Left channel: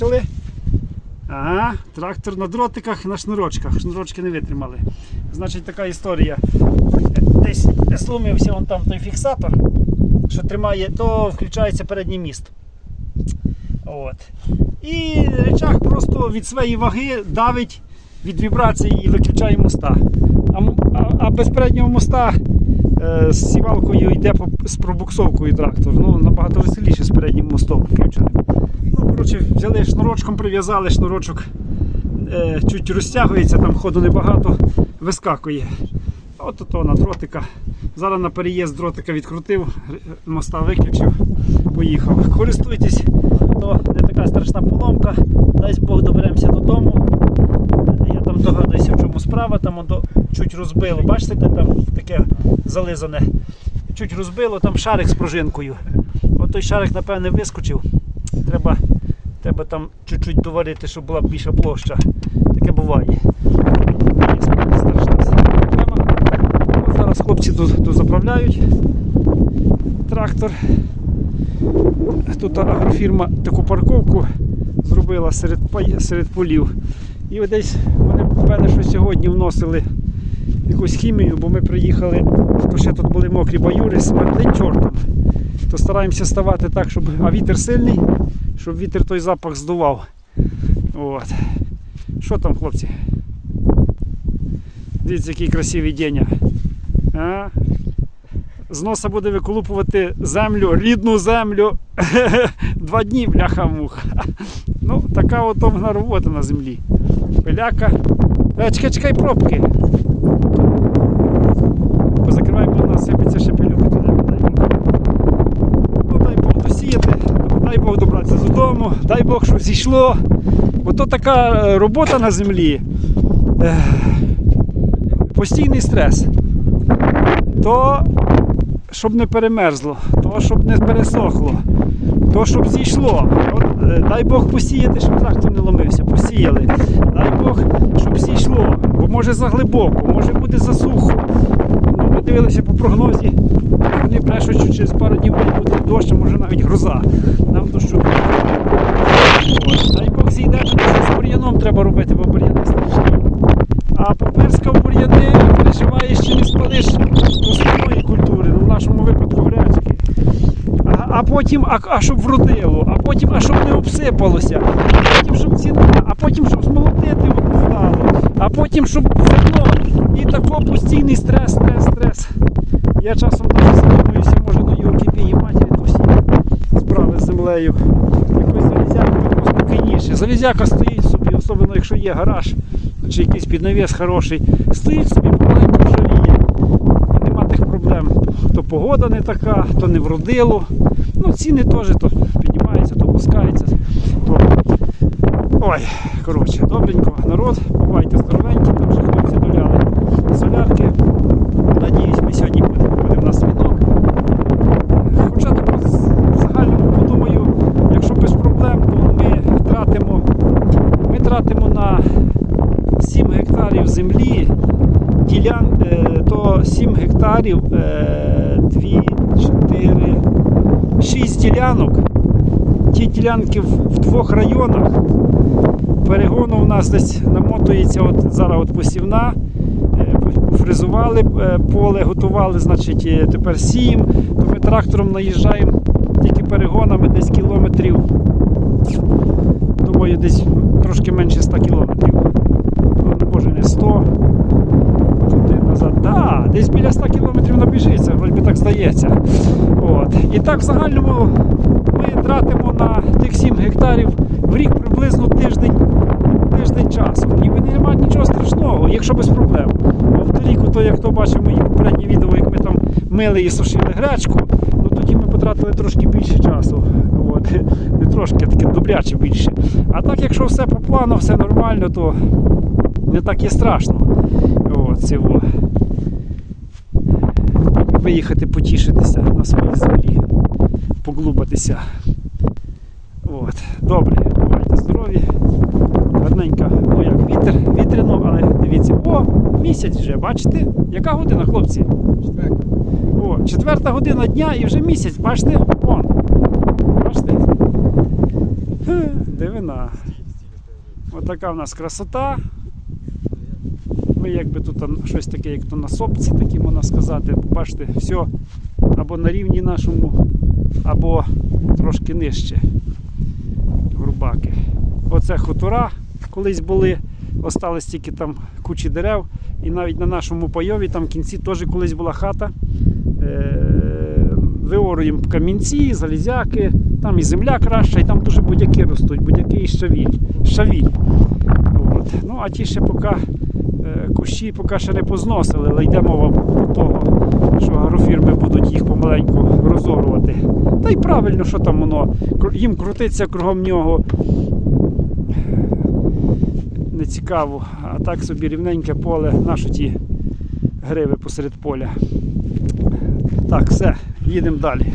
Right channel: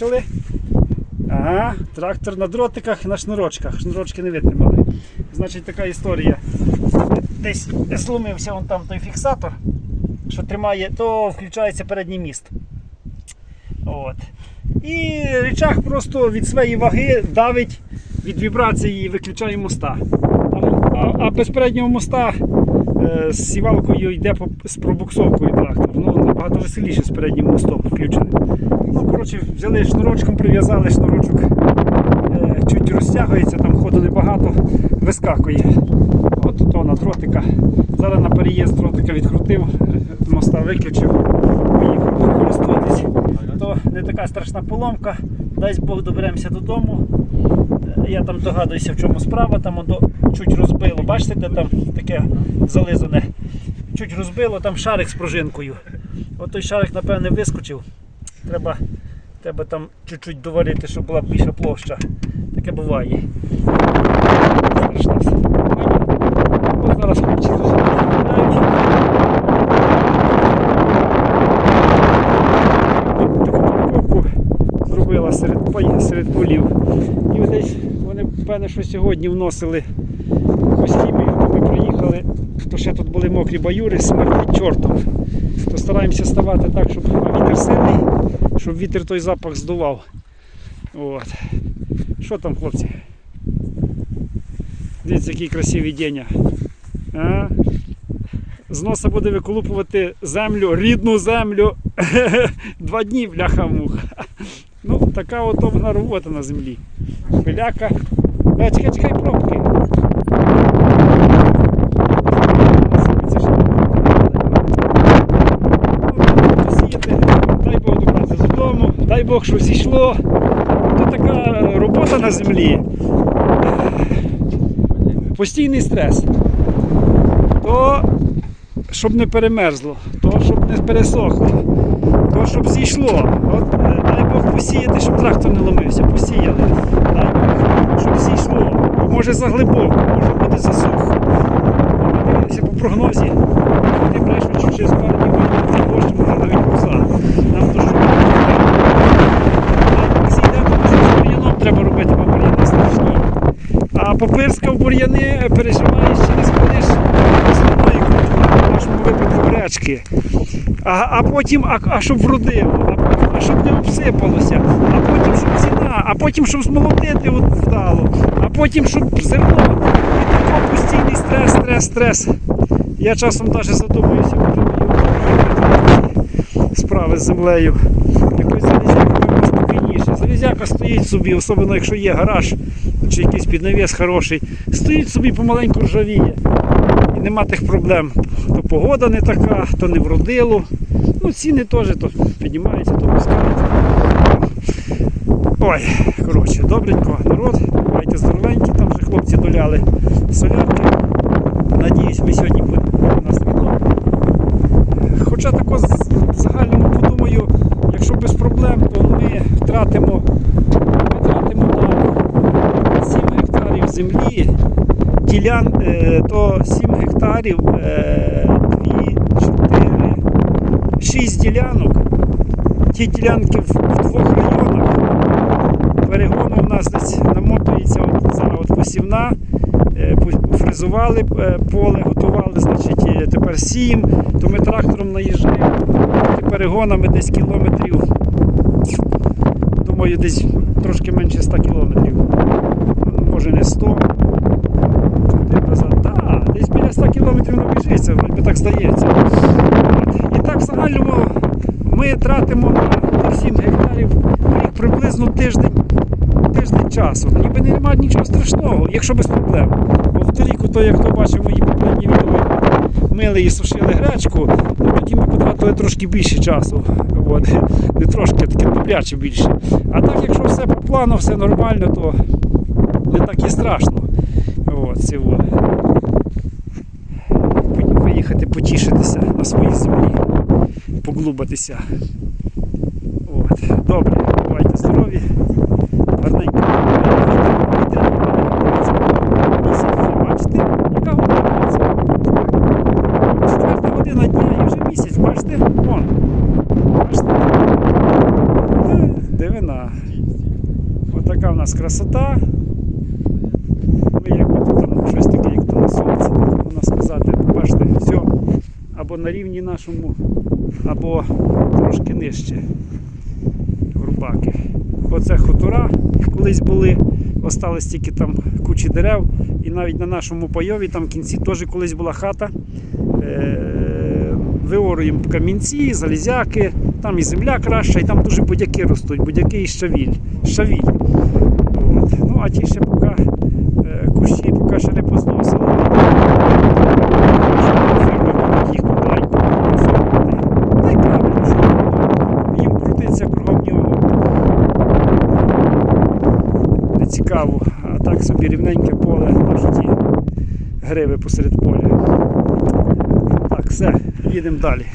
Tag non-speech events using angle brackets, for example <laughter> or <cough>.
Бачили? Ага, трактор на дротиках на шнурочках. Шнурочки не витримали. Значить, така історія. Десь зломився вон там той фіксатор, що тримає, то включається передній міст. От. І речах просто від своєї ваги давить від вібрації і виключає моста. А, а, а без переднього моста е, з сівалкою йде з пробуксовкою трактор. Ну, набагато веселіше з переднім мостом включеним. Ну, коротше, взяли шнурочком, прив'язали шнурочок, е, чуть розтягується, там ходу небагато, вискакує. От то на дротика. Зараз на переїзд дротика відкрутив, моста виключив, поїхав. Користуйтесь, то не така страшна поломка. Дасть Бог доберемося додому. Я там догадуюся, в чому справа, там воно чуть розбило. Бачите, де там таке зализане. Чуть розбило, там шарик з пружинкою. От той шарик, напевне, вискочив. Треба, треба там чуть-чуть доварити, щоб була більша площа. Таке буває. Страшна проблема. От зараз хлопці тут заправляють. Фірма таку парковку зробила серед, полів. І от десь вони певне, що сьогодні вносили якусь хімію, бо ми приїхали, то ще тут були мокрі баюри, смердить чортом. То стараємося ставати так, щоб. А вітер сильний, щоб вітер той запах здував. От. Що там, хлопці? Дивіться, який красивий день. А? З носа буде виколупувати землю, рідну землю. <laughs> Два дні, бляха муха. Ну, така от вона робота на землі. Пиляка. Е, чекай, чекай, пробки. Ну, дай Бог посіяти, дай Бог добратися додому, дай Бог, що зійшло. Ото така е, робота на землі. Е, Постійний стрес. То щоб не перемерзло, то щоб не пересохло, то щоб зійшло. От, е, дай Бог посіяти, щоб трактор не ломився. Посіяли. Дай Бог, щоб зійшло. Бо може заглибоко, може буде засухо. Ми дивилися по прогнозі. Вони брешуть, що через пару днів буде дощ, може навіть гроза. Нам з бур'яном треба робити, бо бур'ян не страшні. А попирскав бур'яни переживаєш, чи не складеш основної культури, в нашому випадку гречки. А, потім, а, а щоб вродило, а потім, а щоб не обсипалося, а потім, щоб ціна, а потім, щоб змолотити от вдало, а потім, щоб зерно. І тако постійний стрес, стрес, стрес. Я часом навіть задумуюся, може Європі справи з землею. Залізяка спокійніше. Залізяка стоїть собі, особливо якщо є гараж чи якийсь піднавіс хороший, стоїть собі помаленьку ржавіє. Нема тих проблем. То погода не така, то не вродило. Ну, ціни теж то піднімаються, то опускаються. Ой, коротше, добренько, народ, бувайте здоровенькі, там вже хлопці доляли солярки. Надіюсь, ми сьогодні будемо у нас вино. Хоча тако з- в загальному подумаю, якщо без проблем, то ми тратимо, ми тратимо на 7 гектарів землі, ділян, е, то 7 гектарів, 2, 4, 6 ділянок. Ті ділянки в, двох районах. Перегону у нас десь намотується от зараз от посівна. Е, Фрезували е, поле, готували, значить, тепер сіємо, то ми трактором наїжджаємо перегонами десь кілометрів. Думаю, десь трошки менше 100 кілометрів. Ну, Може не 100. Туди назад. Да, десь біля 100 кілометрів набіжиться, вроді так здається. От. І так в загальному ми тратимо на тих 7 гектарів в рік приблизно тиждень тиждень часу. Ніби немає нічого страшного, якщо без проблем. Бо в торіку, то як хто бачив мої попередні відео, як ми там мили і сушили гречку, ну тоді ми потратили трошки більше часу. От. Не трошки, таке добряче більше. А так, якщо все по плану, все нормально, то не так і страшно. Цього. Виїхати потішитися на своїй землі, поглубатися. От. Добре, бувайте здорові гарненько. Вітряно, але дивіться, о, місяць вже, бачите? Яка година, хлопці? Четверта година дня і вже місяць, бачите? Вон. Бачите? Хе, Диви деревина. Отака в нас красота. Там щось таке, як то на сопці, таке можна сказати. Бачите, все або на рівні нашому, або трошки нижче. Грубаки. Оце хутора колись були, остались тільки там кучі дерев. І навіть на нашому пайові там в кінці теж колись була хата. Е, Виоруємо камінці, залізяки, там і земля краща, і там дуже будяки ростуть, будяки і щавіль. щавіль. От. Ну, а ті ще поки кущі поки ще не позносили, але йдемо, фірми будуть їх помаленьку розорвати. Та й правильно, що там воно. Їм крутиться кругом нього. Не цікаво, а так собі рівненьке поле, наші ті гриви посеред поля. Так, все, їдемо далі.